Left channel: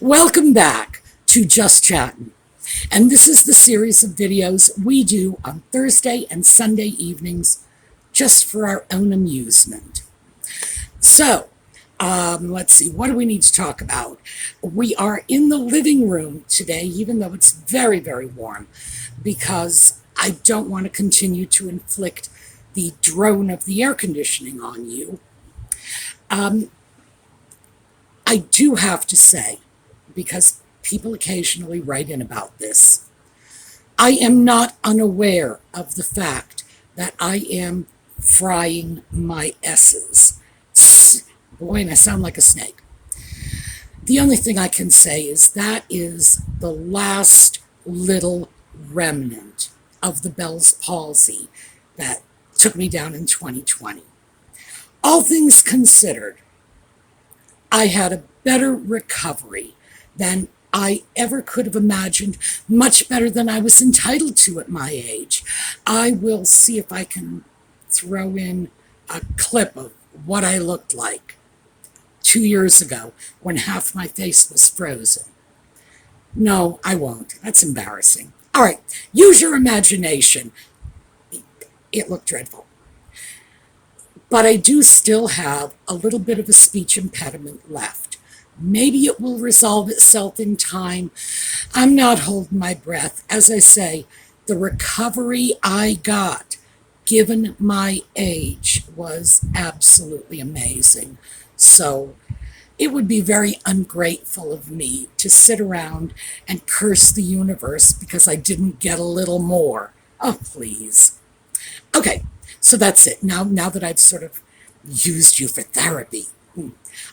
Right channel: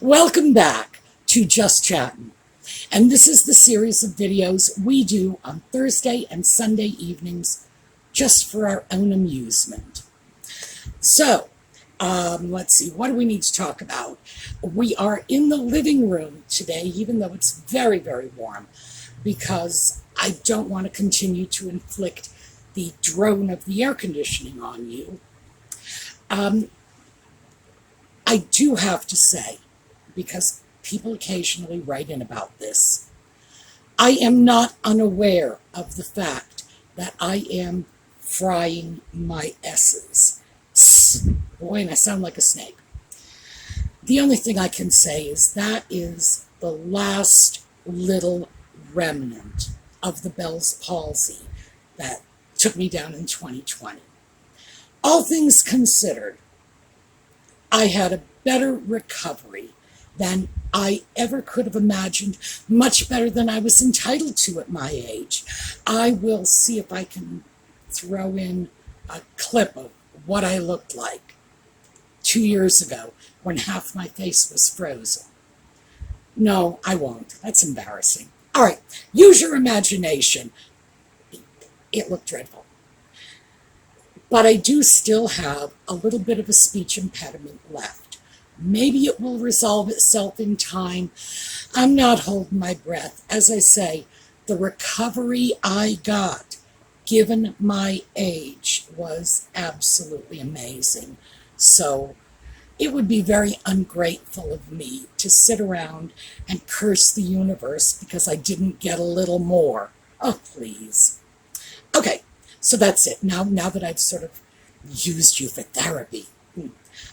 Welcome back to Just Chattin. And this is the series of videos we do on Thursday and Sunday evenings just for our own amusement. So, let's see, what do we need to talk about? We are in the living room today, even though it's very, very warm, because I don't want to continue to inflict the drone of the air conditioning on you. I do have to say, because people occasionally write in about this, I am not unaware of the fact that I am frying my S's. Boy, and I sound like a snake. The only thing I can say is that is the last little remnant of the Bell's palsy that took me down in 2020. All things considered, I had a better recovery than I ever could have imagined, much better than I was entitled to at my age. I will see if I can throw in a clip of what I looked like 2 years ago when half my face was frozen. No, I won't. That's embarrassing. All right, use your imagination. It looked dreadful. But I do still have a little bit of a speech impediment left. Maybe it will resolve itself in time. I'm not holding my breath. As I say, the recovery I got, given my age, was absolutely amazing. So it would be very ungrateful of me to sit around and curse the universe because I didn't get a little more. Oh, please. Okay, so that's it. Now that I've sort of used you for therapy.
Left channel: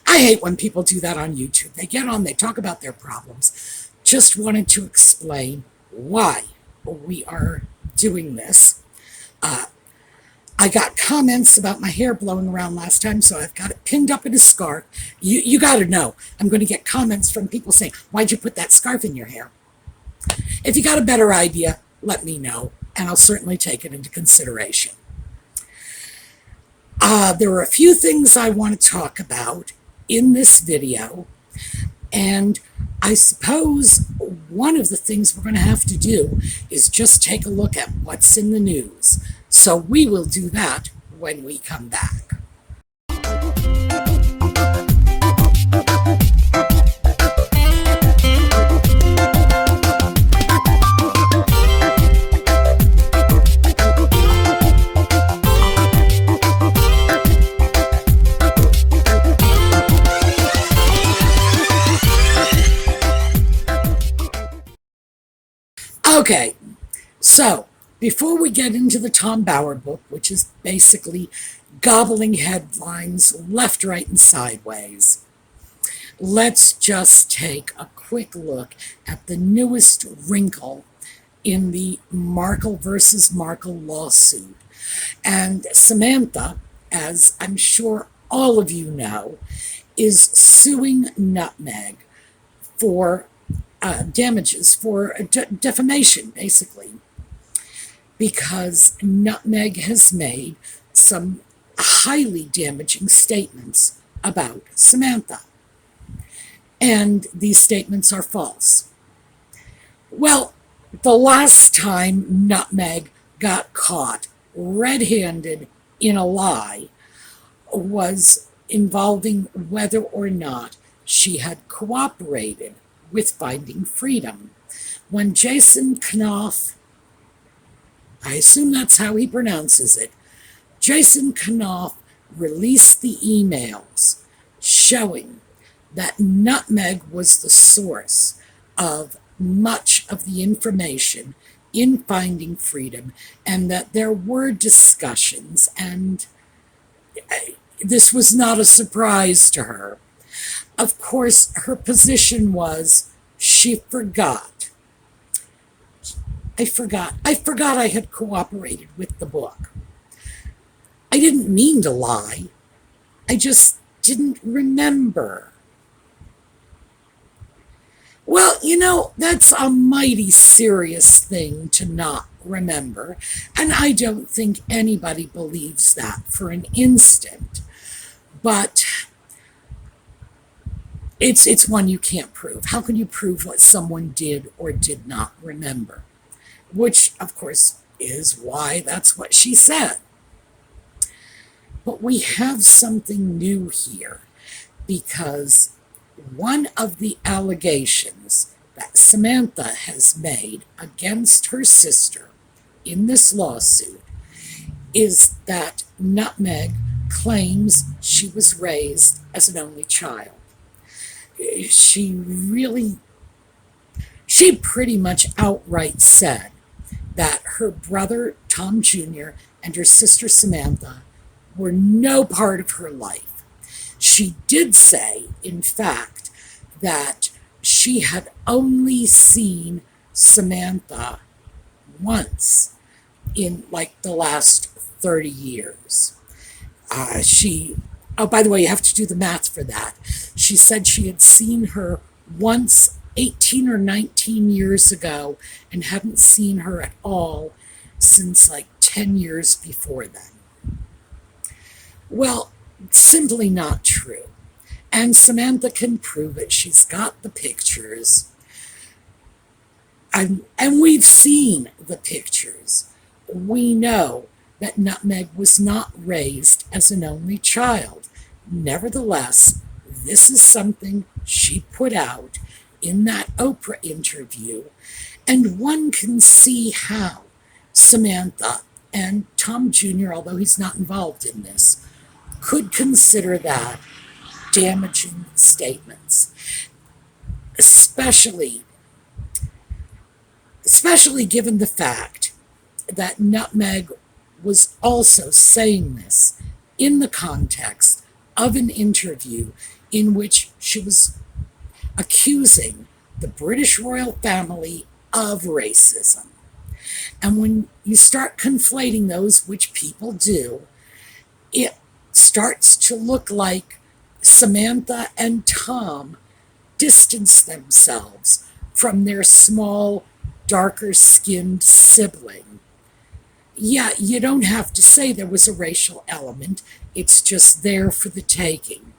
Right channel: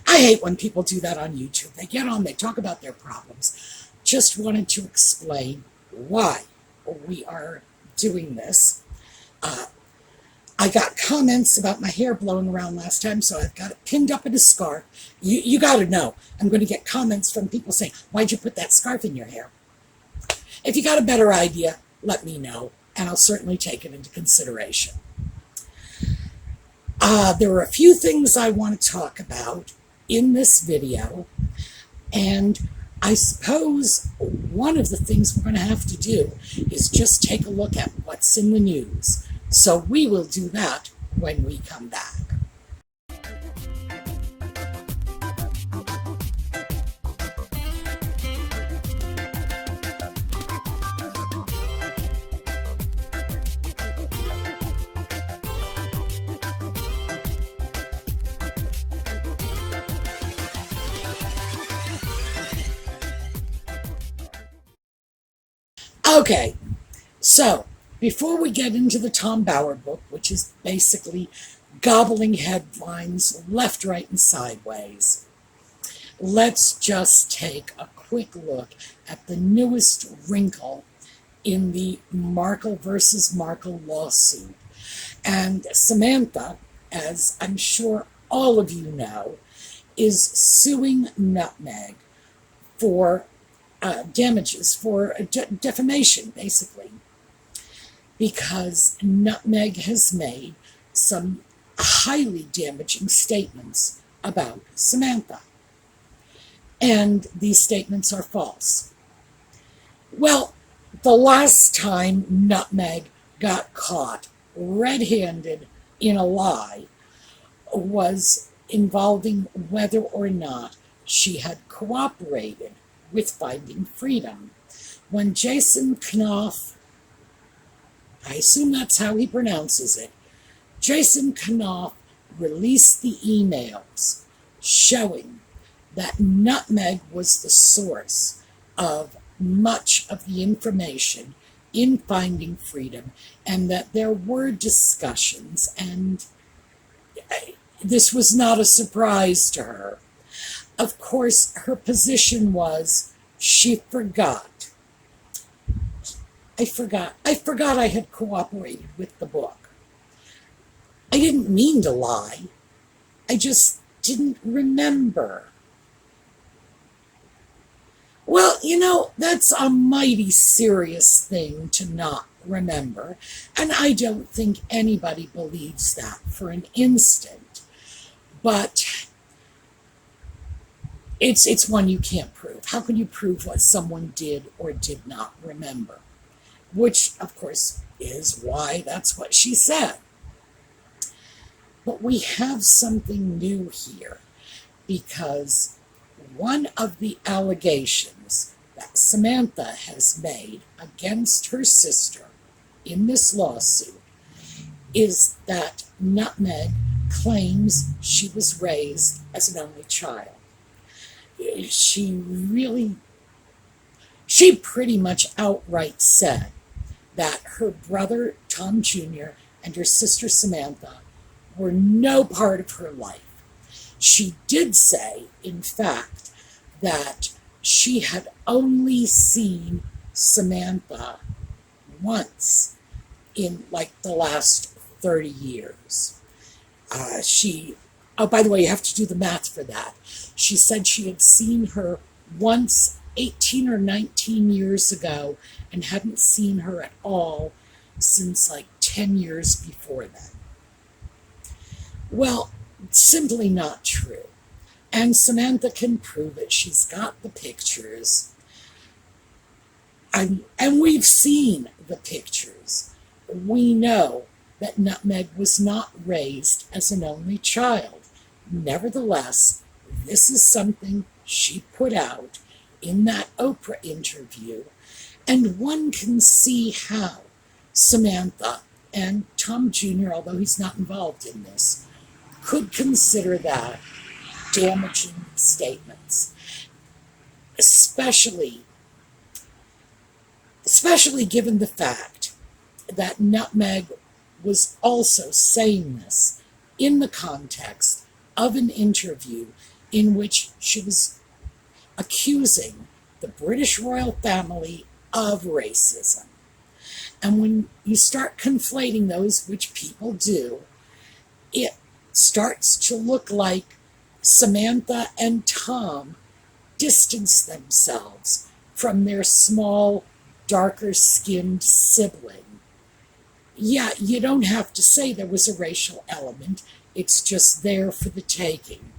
I hate when people do that on YouTube. They get on, they talk about their problems. Just wanted to explain why we are doing this. I got comments about my hair blowing around last time, so I've got it pinned up in a scarf. You got to know, I'm going to get comments from people saying, why'd you put that scarf in your hair? If you got a better idea, let me know, and I'll certainly take it into consideration. There are a few things I want to talk about in this video, and I suppose one of the things we're going to have to do is just take a look at what's in the news. So we will do that when we come back. Okay, so before we get into the Tom Bauer book, which is basically gobbling headlines left, right, and sideways, let's just take a quick look at the newest wrinkle in the Markle versus Markle lawsuit. And Samantha, as I'm sure all of you know, is suing Nutmeg for damages, for defamation, basically, because Nutmeg has made some highly damaging statements about Samantha. And these statements are false. Well, the last time Nutmeg got caught red-handed in a lie was involving whether or not she had cooperated with Finding Freedom. When Jason Knopf, I assume that's how he pronounces it, Jason Knopf released the emails showing that Nutmeg was the source of much of the information in Finding Freedom, and that there were discussions, and this was not a surprise to her. Of course, her position was she forgot. I forgot I had cooperated with the book. I didn't mean to lie. I just didn't remember. Well, you know, that's a mighty serious thing to not remember, and I don't think anybody believes that for an instant. But it's one you can't prove. How can you prove what someone did or did not remember? Which, of course, is why that's what she said. But we have something new here, because one of the allegations that Samantha has made against her sister in this lawsuit is that Nutmeg claims she was raised as an only child. She pretty much outright said that her brother Tom Jr. and her sister Samantha were no part of her life. She did say, in fact, that she had only seen Samantha once in like the last 30 years. Oh, by the way, you have to do the math for that. She said she had seen her once 18 or 19 years ago and hadn't seen her at all since like 10 years before then. Well, simply not true. And Samantha can prove it. She's got the pictures. And we've seen the pictures. We know that Nutmeg was not raised as an only child. Nevertheless, this is something she put out in that Oprah interview, and one can see how Samantha and Tom Jr., although he's not involved in this, could consider that damaging statements, especially given the fact that Nutmeg was also saying this in the context of an interview in which she was accusing the British royal family of racism. And when you start conflating those, which people do, it starts to look like Samantha and Tom distanced themselves from their small, darker-skinned sibling. Yeah, you don't have to say there was a racial element. It's just there for the taking.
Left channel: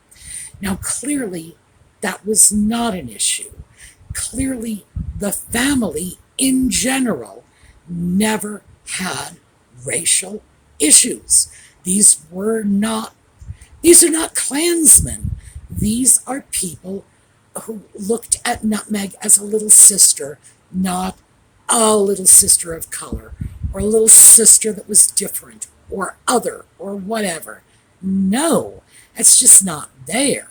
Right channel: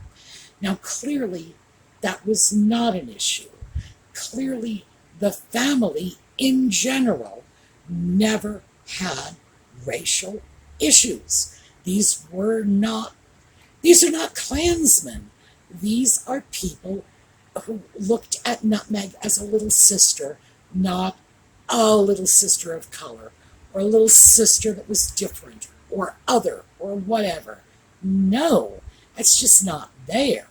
Now, clearly, that was not an issue. Clearly, the family in general never had racial issues. These are not Klansmen. These are people who looked at Nutmeg as a little sister, not a little sister of color, or a little sister that was different, or other, or whatever. No, it's just not there.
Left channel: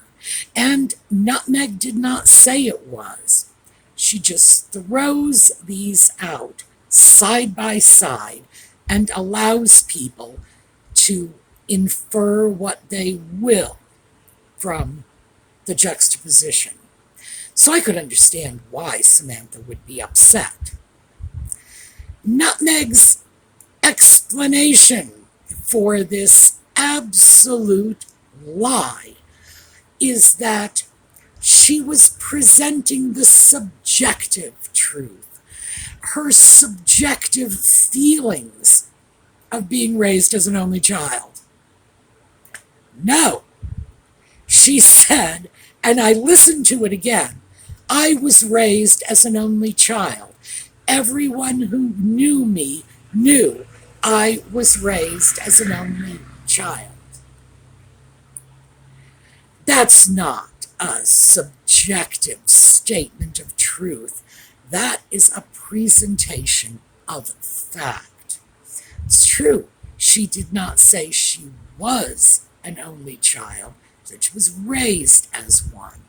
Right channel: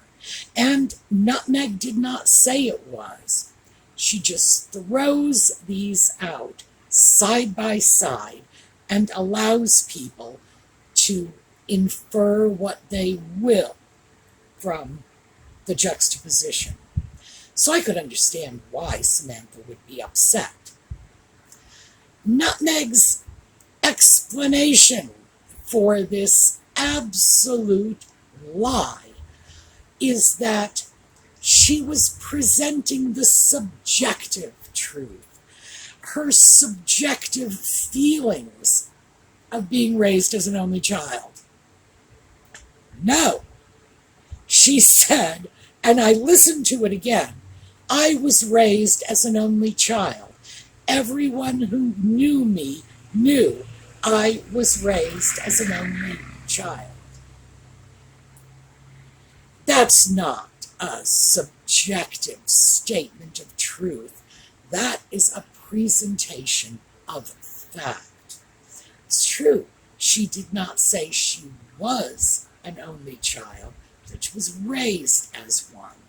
And Nutmeg did not say it was. She just throws these out side by side and allows people to infer what they will from the juxtaposition. So I could understand why Samantha would be upset. Nutmeg's explanation for this absolute lie is that she was presenting the subjective truth, her subjective feelings of being raised as an only child. No, she said, and I listened to it again, I was raised as an only child. Everyone who knew me knew I was raised as an only child. That's not a subjective statement of truth. That is a presentation of fact. It's true, she did not say she was an only child, that she was raised as one,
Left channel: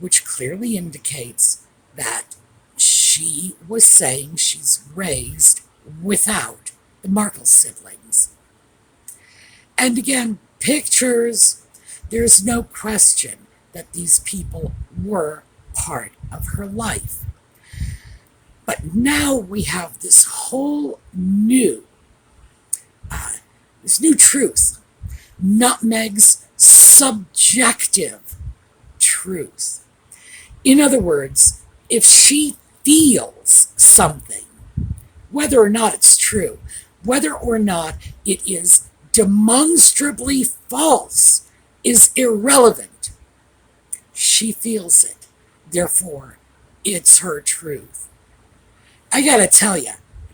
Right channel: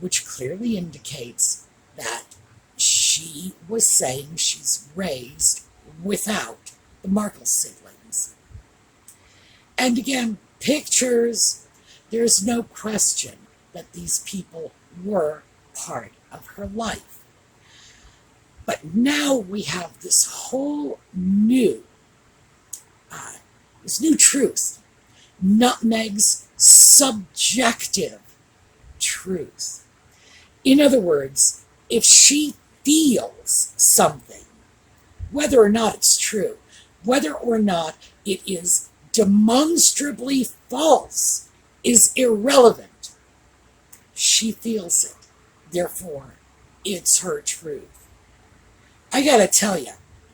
which clearly indicates that she was saying she's raised without the Markle siblings. And again, pictures, there's no question that these people were part of her life. But now we have this whole new truth, Nutmeg's subjective truth. In other words, if she feels something, whether or not it's true, whether or not it is demonstrably false, is irrelevant. She feels it. Therefore, it's her truth. I gotta tell you,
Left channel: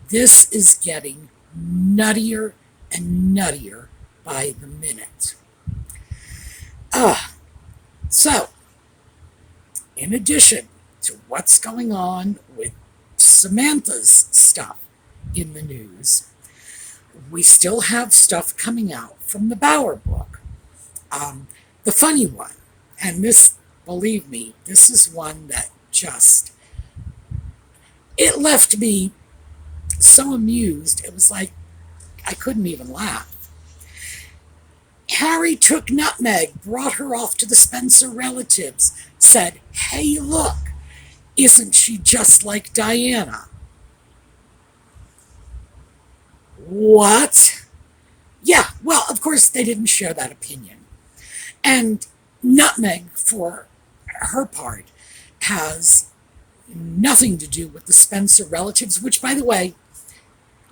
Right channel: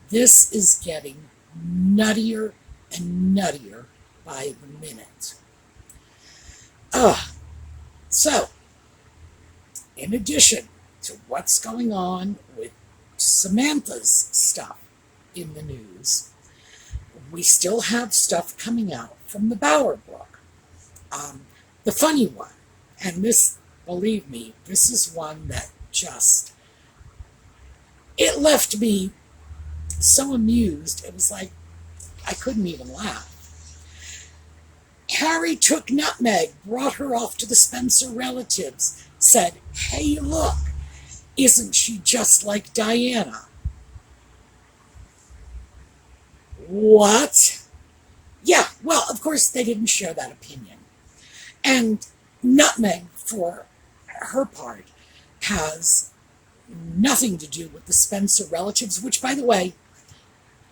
this is getting nuttier and nuttier by the minute. So, in addition to what's going on with Samantha's stuff in the news, we still have stuff coming out from the Bauer book. The funny one, and this, believe me, this is one that just, it left me so amused. It was like I couldn't even laugh. Harry took Nutmeg, brought her off to the Spencer relatives, said, "Hey, look, isn't she just like Diana?" What? Yeah, well, of course they didn't share that opinion. And Nutmeg, for her part, has nothing to do with the Spencer relatives, which, by the way,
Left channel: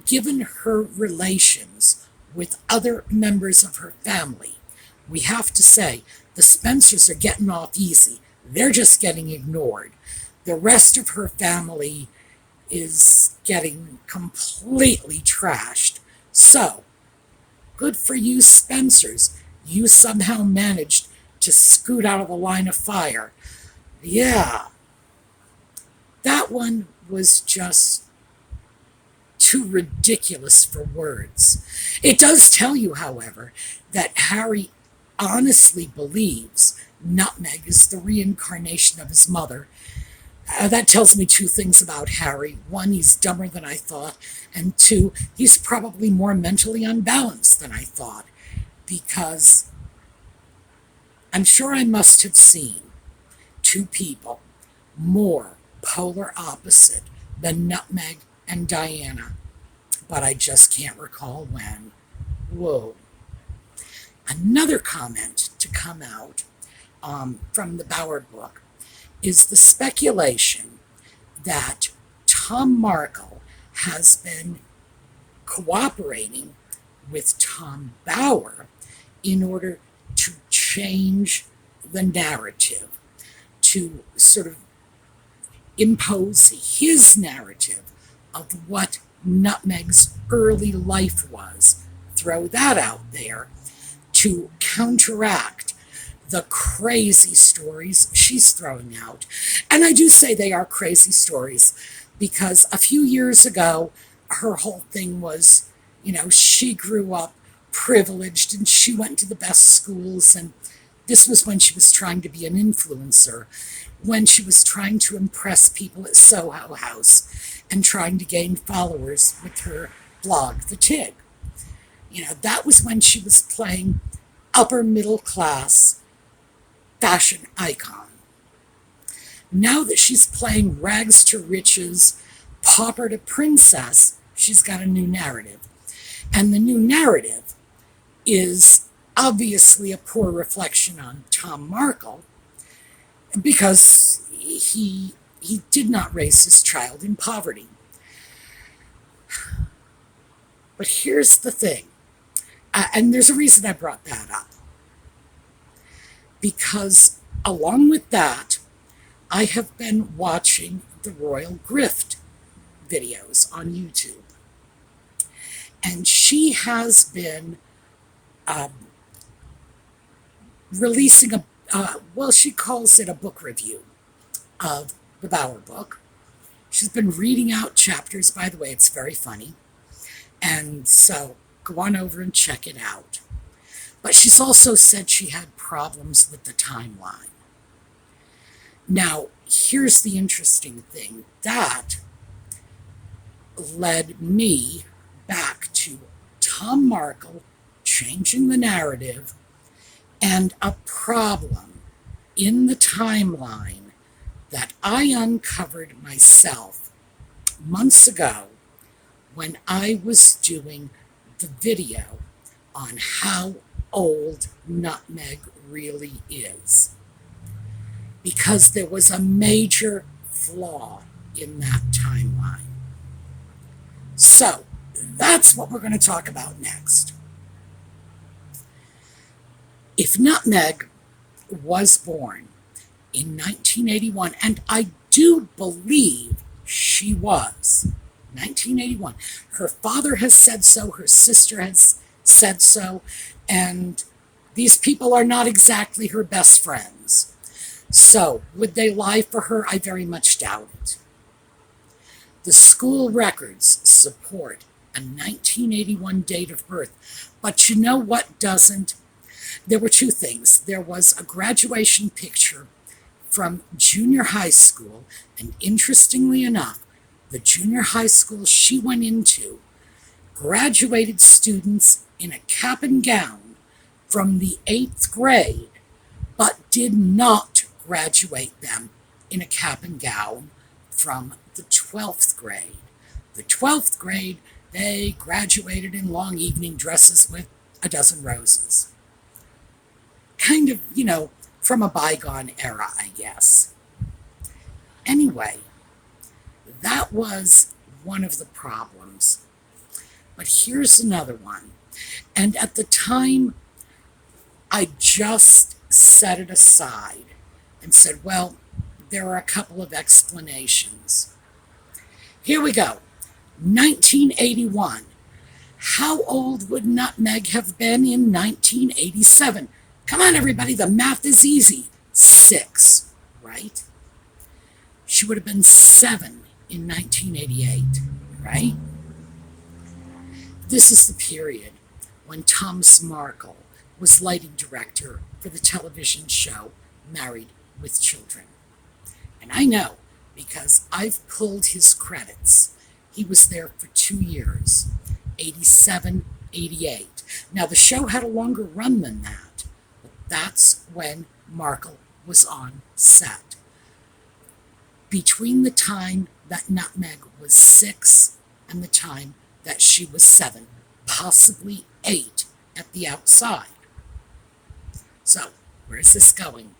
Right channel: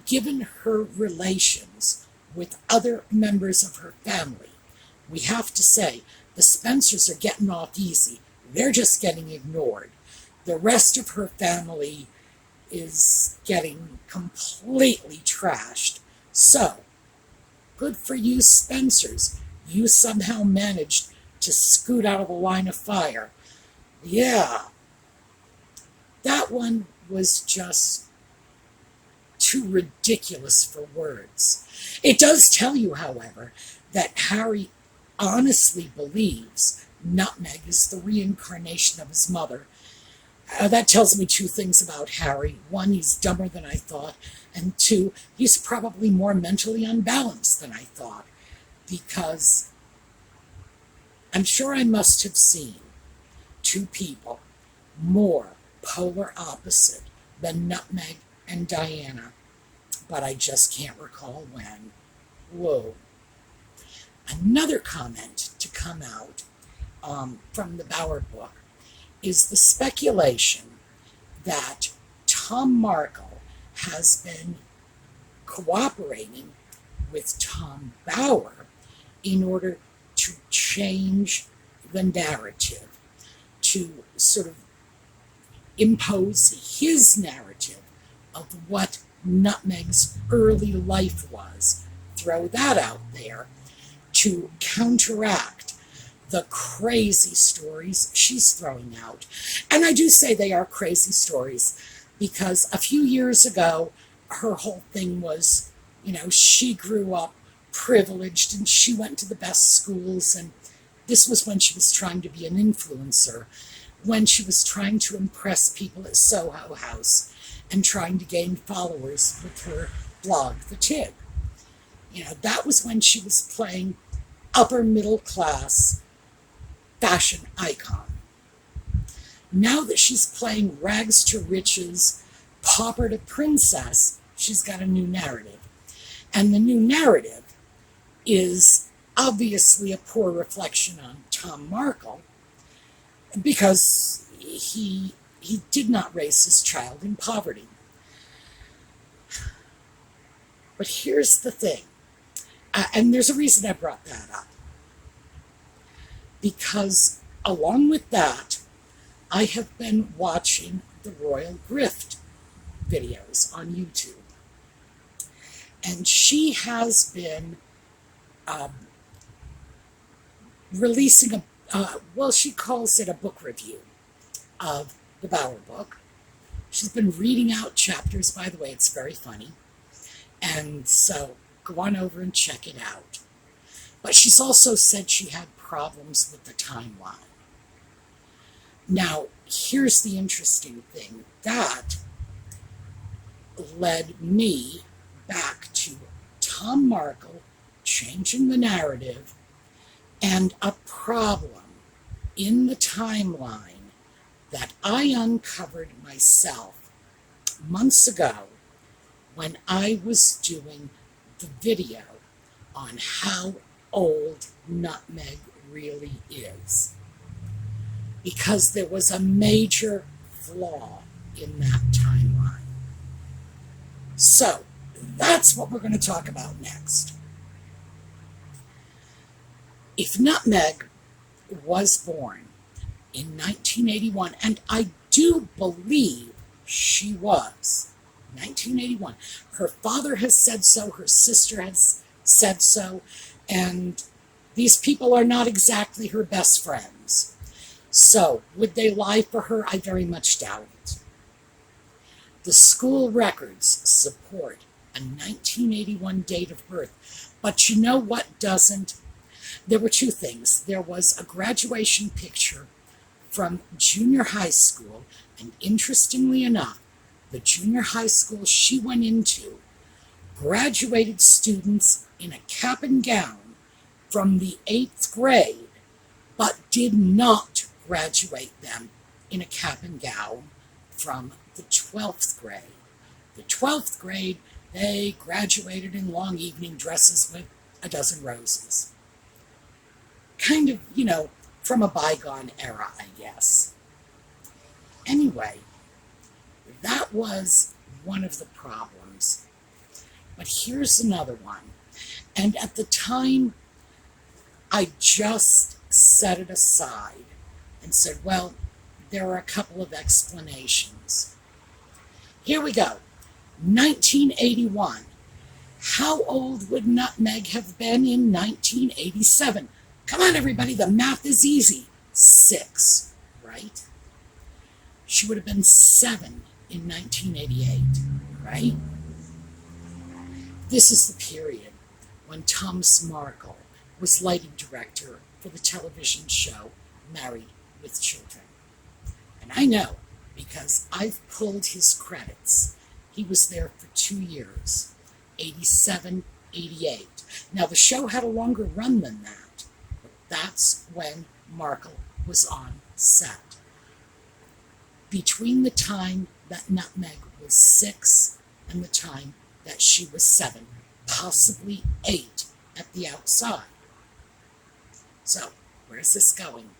given her relations with other members of her family, we have to say the Spencers are getting off easy. They're just getting ignored. The rest of her family is getting completely trashed. So, good for you, Spencers. You somehow managed to scoot out of the line of fire. Yeah, that one was just too ridiculous for words. It does tell you, however, that Harry honestly believes Nutmeg is the reincarnation of his mother. That tells me two things about Harry. One, he's dumber than I thought, and two, he's probably more mentally unbalanced than I thought, because I'm sure I must have seen two people more polar opposite than Nutmeg and Diana, but I just can't recall when. Whoa. Another comment to come out from the Bauer book is the speculation that Tom Markle has been cooperating with Tom Bauer in order to change the narrative, to sort of impose his narrative of what Nutmeg's early life was, throw that out there, to counteract the crazy stories she's throwing out. And I do say they are crazy stories because a few years ago, her whole thing was, she grew up privileged and she went to the best schools, and this was when she was trying to be an influencer, when she was trying to impress people at Soho House and trying to gain followers with her blog, The Tig. That was when she was playing upper middle class fashion icon. Now that she's playing rags to riches, pauper to princess, she's got a new narrative. And the new narrative is obviously a poor reflection on Tom Markle, because he did not raise his child in poverty. But here's the thing, and there's a reason I brought that up. Because along with that, I have been watching the Royal Grift videos on YouTube. And she has been releasing she calls it a book review of the Bauer book. She's been reading out chapters. By the way, it's very funny. And so go on over and check it out. But she's also said she had problems with the timeline. Now, here's the interesting thing. That led me back to Tom Markle changing the narrative and a problem in the timeline that I uncovered myself months ago when I was doing the video on how old Nutmeg really is. Because there was a major flaw in that timeline. So, that's what we're going to talk about next. If Nutmeg was born in 1981, and I do believe she was. 1981. Her father has said so, her sister has said so, and these people are not exactly her best friends. So, would they lie for her? I very much doubt it. The school records support a 1981 date of birth, but you know what doesn't? There were two things. There was a graduation picture from junior high school, and interestingly enough, the junior high school she went into graduated students in a cap and gown from the 8th grade, but did not graduate them in a cap and gown from the 12th grade. The 12th grade, they graduated in long evening dresses with a dozen roses. Kind of, from a bygone era, I guess. Anyway, that was one of the problems. But here's another one. And at the time, I just set it aside and said, well, there are a couple of explanations. Here we go. 1981. How old would Nutmeg have been in 1987? Come on, everybody, the math is easy. 6, right? She would have been 7 in 1988, right? This is the period when Thomas Markle was lighting director for the television show Married with Children. And I know, because I've pulled his credits. He was there for 2 years, 87, 88. Now, the show had a longer run than that, but that's when Markle was on set. Between the time that Nutmeg was 6 and the time that she was 7, possibly 8 at the outside. So, where is this going?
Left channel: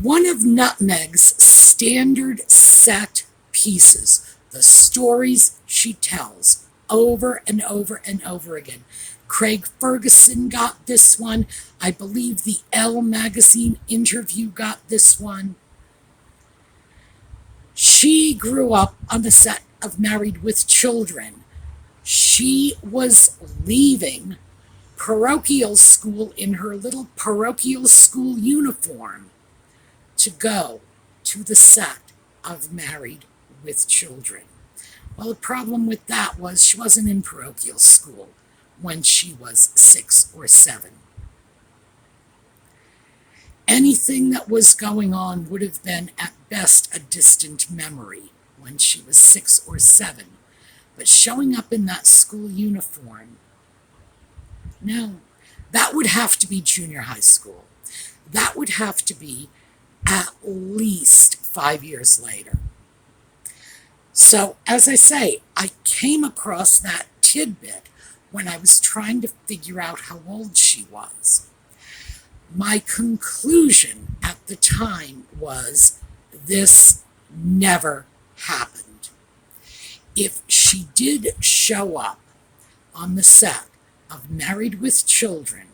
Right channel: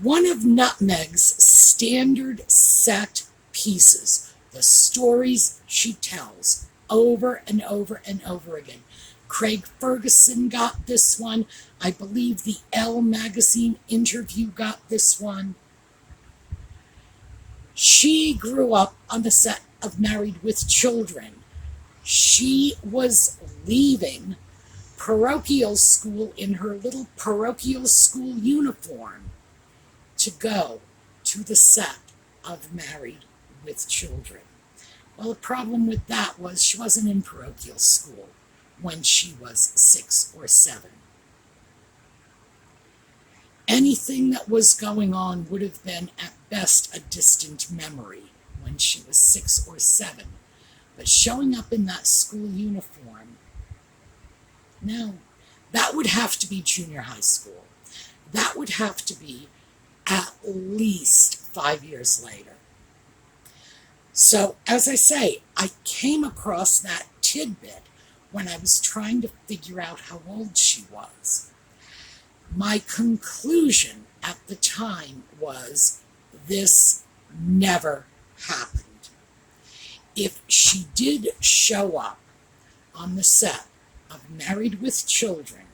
One of Nutmeg's standard set pieces, the stories she tells over and over and over again. Craig Ferguson got this one. I believe the Elle magazine interview got this one. She grew up on the set of Married with Children. She was leaving parochial school in her little parochial school uniform to go to the set of Married with Children. Well, the problem with that was she wasn't in parochial school when she was 6 or 7. Anything that was going on would have been at best a distant memory when she was 6 or 7. But showing up in that school uniform, no, that would have to be junior high school. That would have to be at least 5 years later. So, as I say, I came across that tidbit when I was trying to figure out how old she was. My conclusion at the time was this never happened. If she did show up on the set of Married with Children,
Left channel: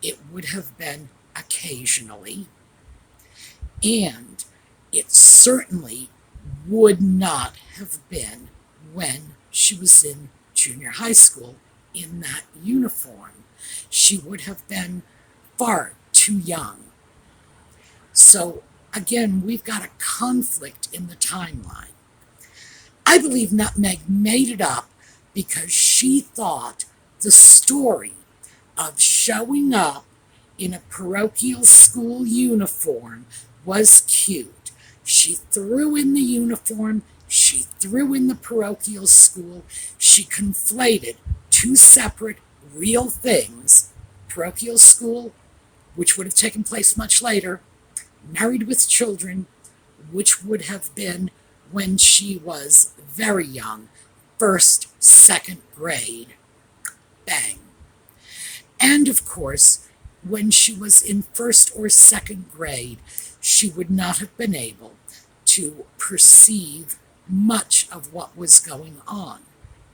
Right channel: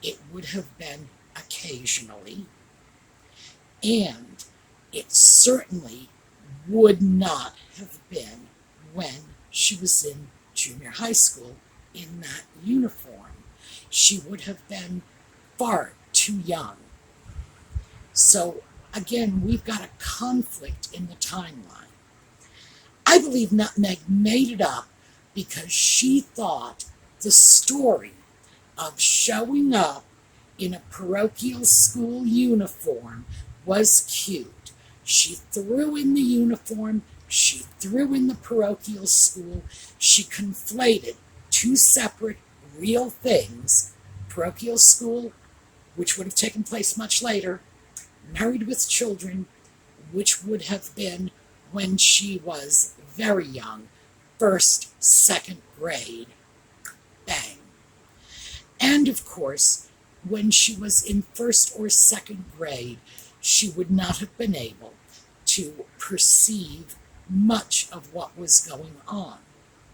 it would have been occasionally, and it certainly would not have been when she was in junior high school in that uniform. She would have been far too young. So again, we've got a conflict in the timeline. I believe Nutmeg made it up because she thought the story of showing up in a parochial school uniform was cute. She threw in the uniform, she threw in the parochial school, she conflated two separate real things, parochial school, which would have taken place much later, Married with Children, which would have been when she was very young, 1st, 2nd grade, bang. And of course, when she was in 1st or 2nd grade, she would not have been able to perceive much of what was going on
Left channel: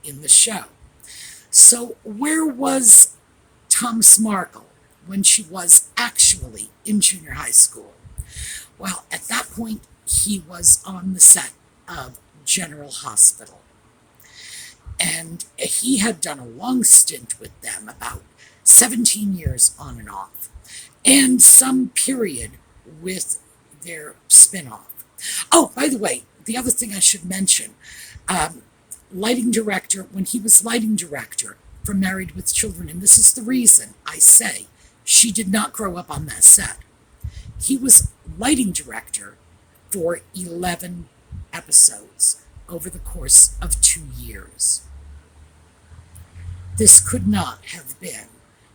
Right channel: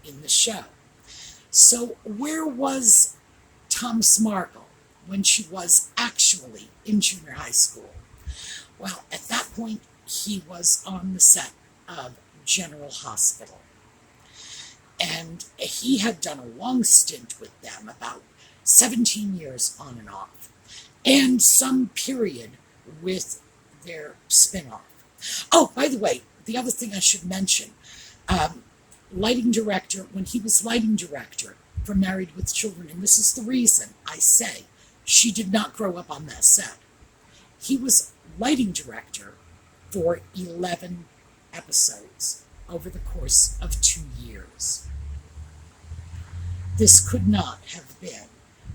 in the show. So where was Thomas Markle when she was actually in junior high school? Well, at that point, he was on the set of General Hospital. And he had done a long stint with them, about 17 years on and off, and some period with their spin-off. Oh, by the way, the other thing I should mention, lighting director, when he was lighting director for Married with Children, and this is the reason I say she did not grow up on that set. He was lighting director for 11 episodes over the course of 2 years. This could not have been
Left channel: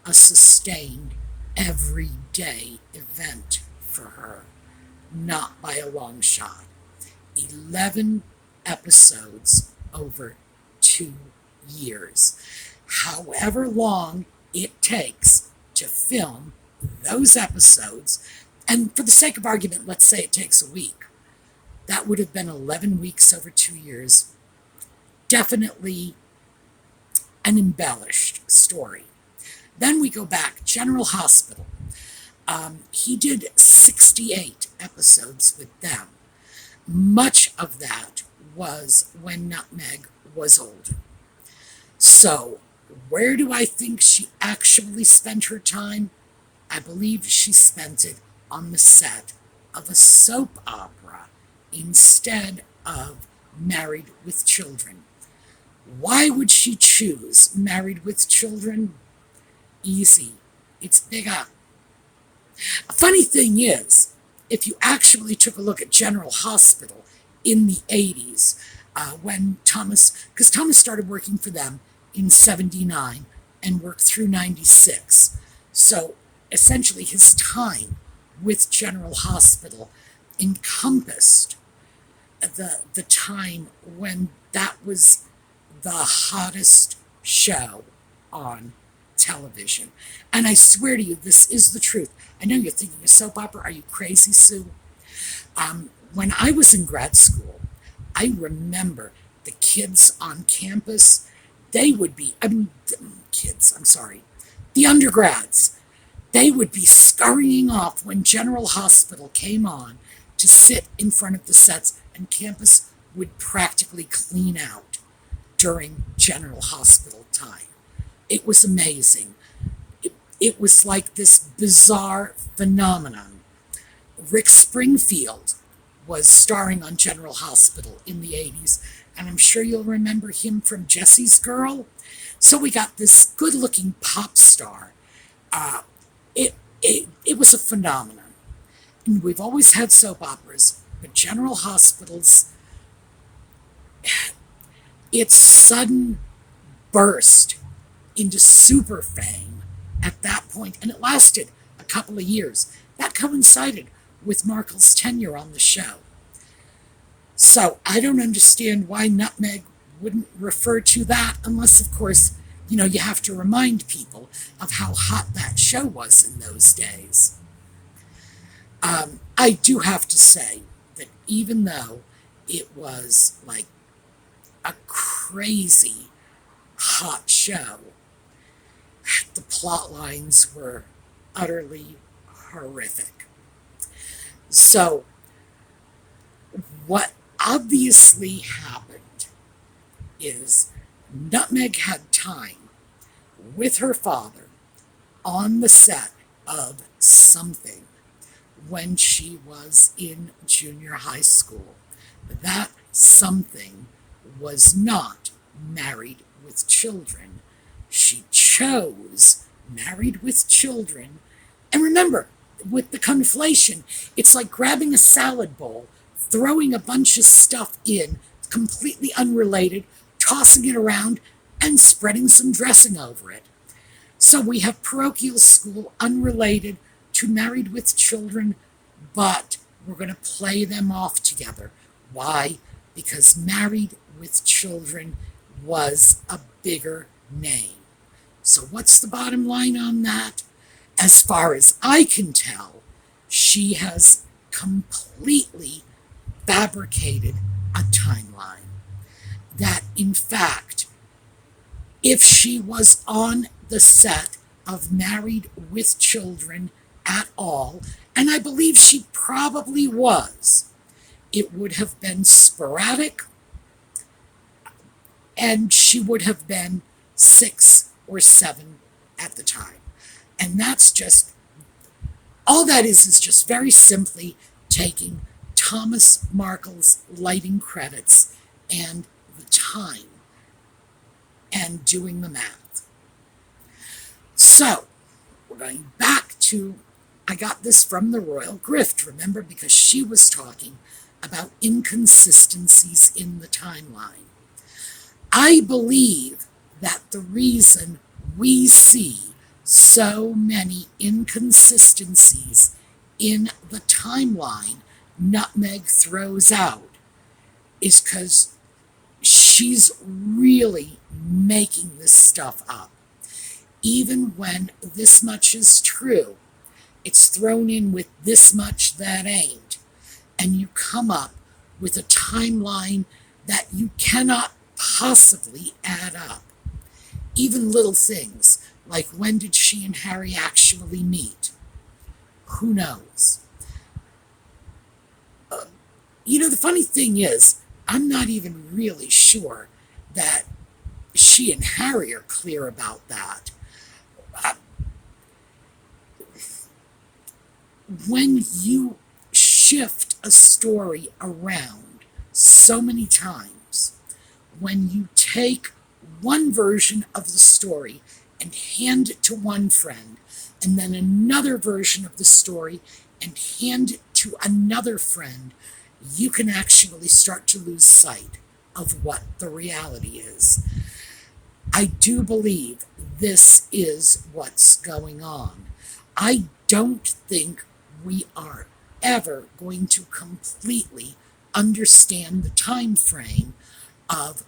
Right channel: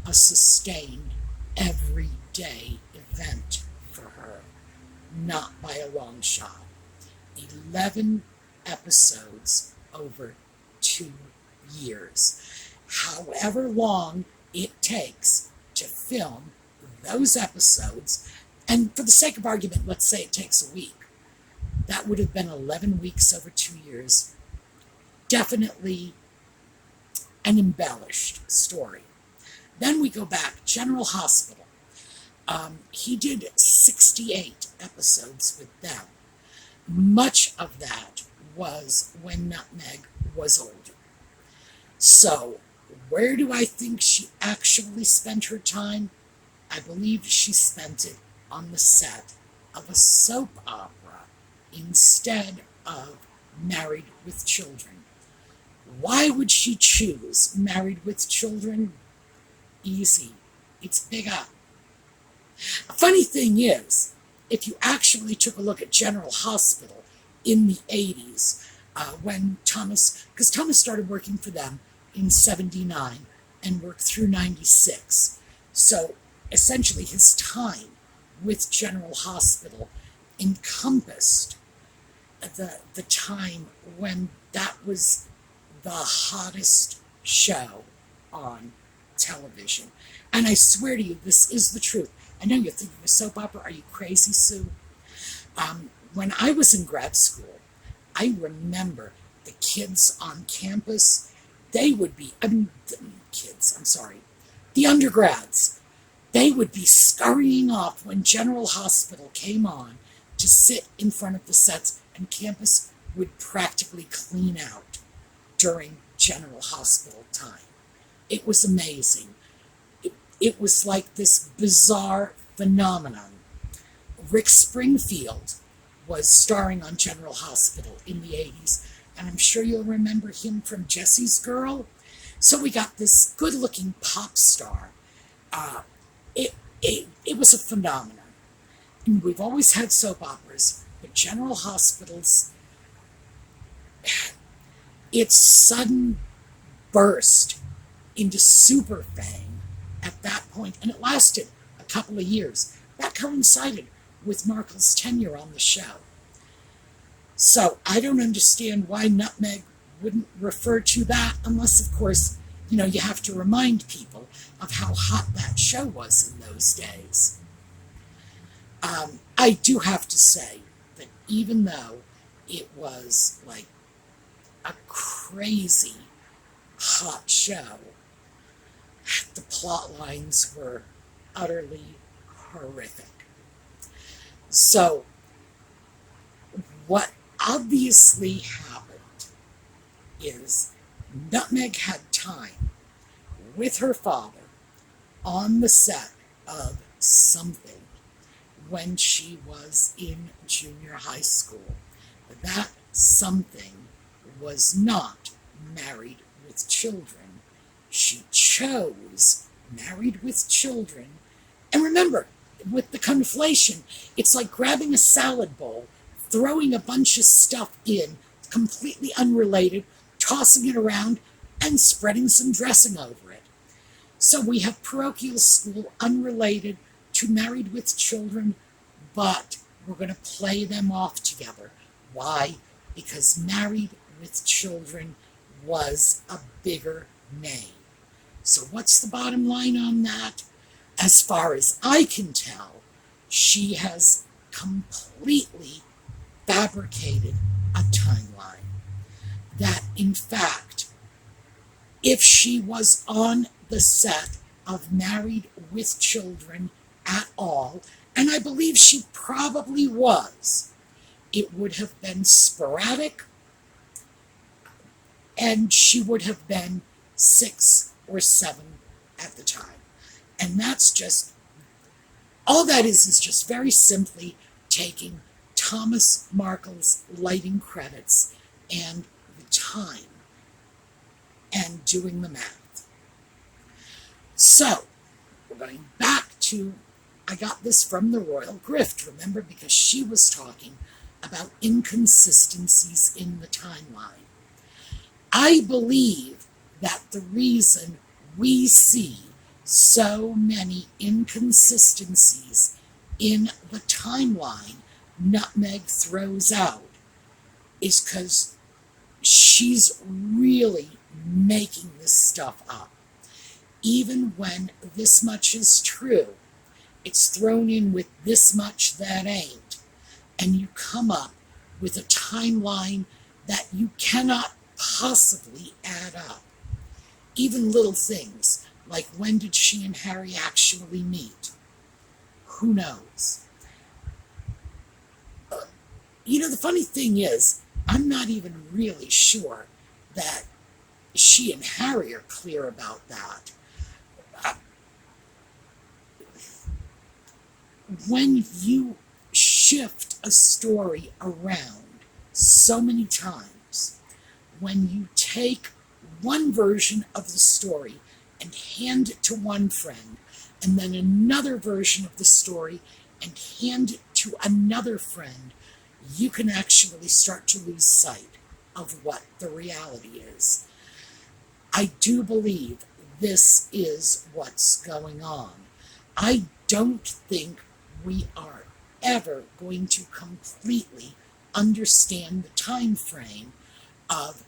a sustained, everyday event for her, not by a long shot. 11 episodes over 2 years. However long it takes to film those episodes, and for the sake of argument, let's say it takes a week. That would have been 11 weeks over 2 years. Definitely an embellished story. Then we go back, General Hospital. He did 68 episodes with them. Much of that was when Nutmeg was older. So, where do I think she actually spent her time? I believe she spent it on the set of a soap opera instead of Married with Children. Why would she choose Married with Children? Easy. It's bigger. A funny thing is, if you actually took a look at General Hospital in the 80s, when because Thomas started working for them in 79 and worked through 96. So essentially his time with General Hospital encompassed the time when that was the hottest show on television. And I swear to you, this is the truth. I know you're thinking of soap opera. Are you crazy, Sue? When I was in grad school, I remember the kids on campus, they would be, the undergrads, they would be scurrying off when General Hospital came on to sit in front of the sets, and campus would practically clean out during General Hospital time. It was amazing. It was like this bizarre phenomenon. Rick Springfield was starring on General Hospital in the 80s, and I'm sure you'll remember him from Jesse's Girl. So we got this good-looking pop star. It was a phenomenon. And we've always had soap operas, but General Hospital's, its sudden burst into super fame at that point, and it lasted a couple of years. That coincided with Markle's tenure on the show. So I don't understand why Nutmeg wouldn't refer to that, unless, of course, you have to remind people of how hot that show was in those days. I do have to say that even though it was like a crazy hot show, the plot lines were utterly horrific. So, what obviously happened is Nutmeg had time with her father on the set of something when she was in junior high school. That something was not Married with Children. She chose Married with Children. And remember, with the conflation, it's like grabbing a salad bowl, throwing a bunch of stuff in, completely unrelated, tossing it around, and spreading some dressing over it. So we have parochial school unrelated to Married with Children, but we're going to play them off together. Why? Because Married with Children was a bigger name. So what's the bottom line on that? As far as I can tell, she has completely fabricated a timeline. That, in fact, if she was on the set of Married with Children at all, and I believe she probably was, it would have been sporadic, and she would have been 6 or 7 at the time. And that's just, all that is just very simply taking Thomas Markle's lighting credits and the time and doing the math. So, we're going back to, I got this from the Royal Grift, remember, because she was talking about inconsistencies in the timeline. I believe that the reason we see so many inconsistencies in the timeline Nutmeg throws out is because she's really making this stuff up. Even when this much is true, it's thrown in with this much that ain't, and you come up with a timeline that you cannot possibly add up. Even little things like, when did she and Harry actually meet? Who knows? The funny thing is, I'm not even really sure that she and Harry are clear about that. When you shift a story around so many times, when you take one version of the story and hand it to one friend, and then another version of the story and hand it to another friend, you can actually start to lose sight of what the reality is. I do believe this is what's going on. I don't think we are ever going to completely understand the time frame of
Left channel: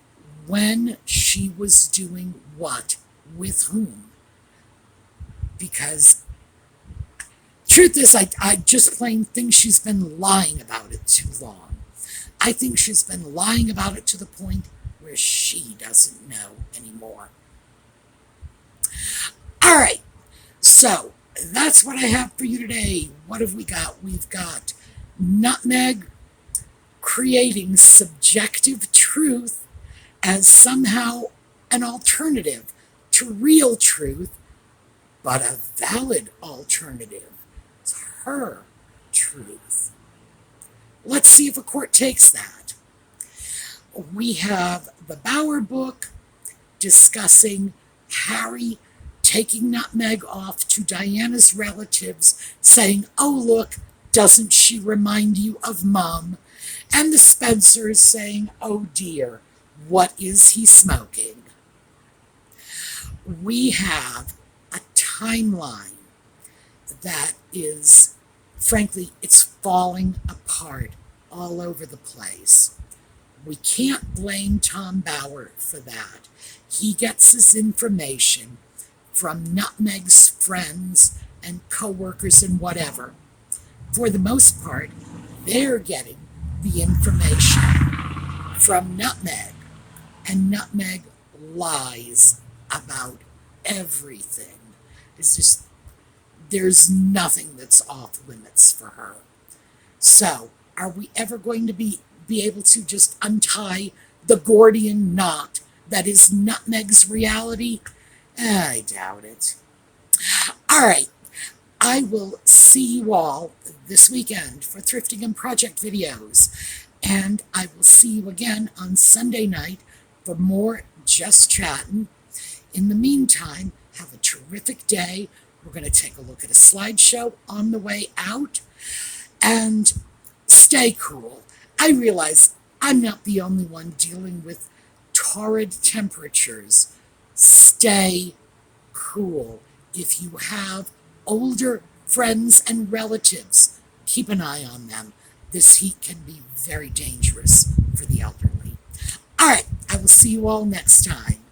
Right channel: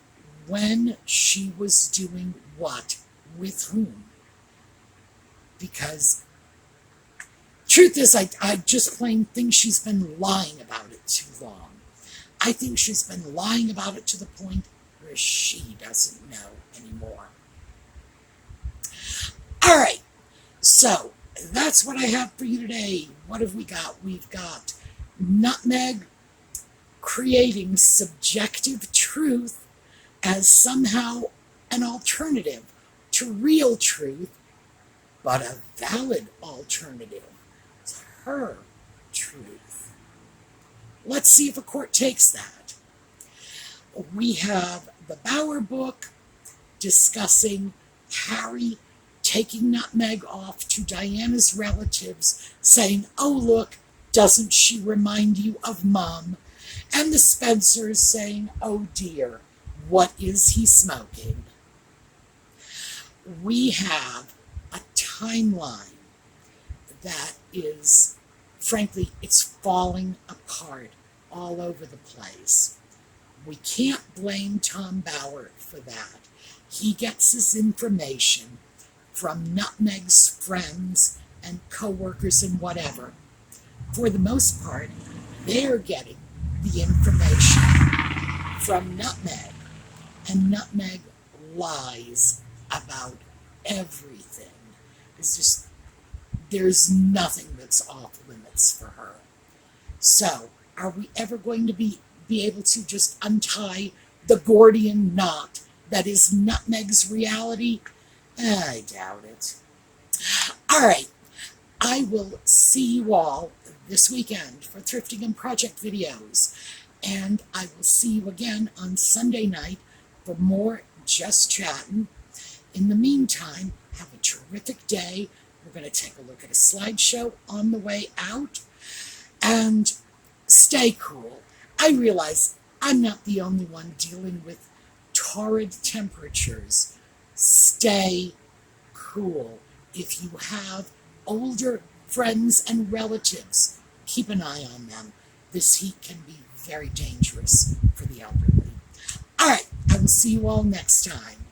when she was doing what with whom. Because truth is, I just plain think she's been lying about it too long. I think she's been lying about it to the point where she doesn't know anymore. All right, so that's what I have for you today. What have we got? We've got Nutmeg creating subjective truth as somehow an alternative to real truth, but a valid alternative to her truth. Let's see if a court takes that. We have the Bower book discussing Harry taking Nutmeg off to Diana's relatives, saying, "Oh, look, doesn't she remind you of Mom?" And the Spencers saying, "Oh dear, what is he smoking?" We have a timeline that is, frankly, it's falling apart all over the place. We can't blame Tom Bower for that. He gets his information from Nutmeg's friends and co-workers and whatever. For the most part, they're getting the information from Nutmeg, and Nutmeg lies about everything. There's nothing that's off limits for her. So, are we ever going to be able to just untie the Gordian knot that is Nutmeg's reality? I doubt it. All right, I will see you all this weekend for Thrifting and Project videos, and I will see you again on Sunday night for more Just Chattin'. In the meantime, have a terrific day. We're going to take a look at a slideshow on the way out, and stay cool. I realize I'm not the only one dealing with torrid temperatures. Stay cool. If you have older friends and relatives, keep an eye on them. This heat can be very dangerous for the elderly. All right, I will see you all next time.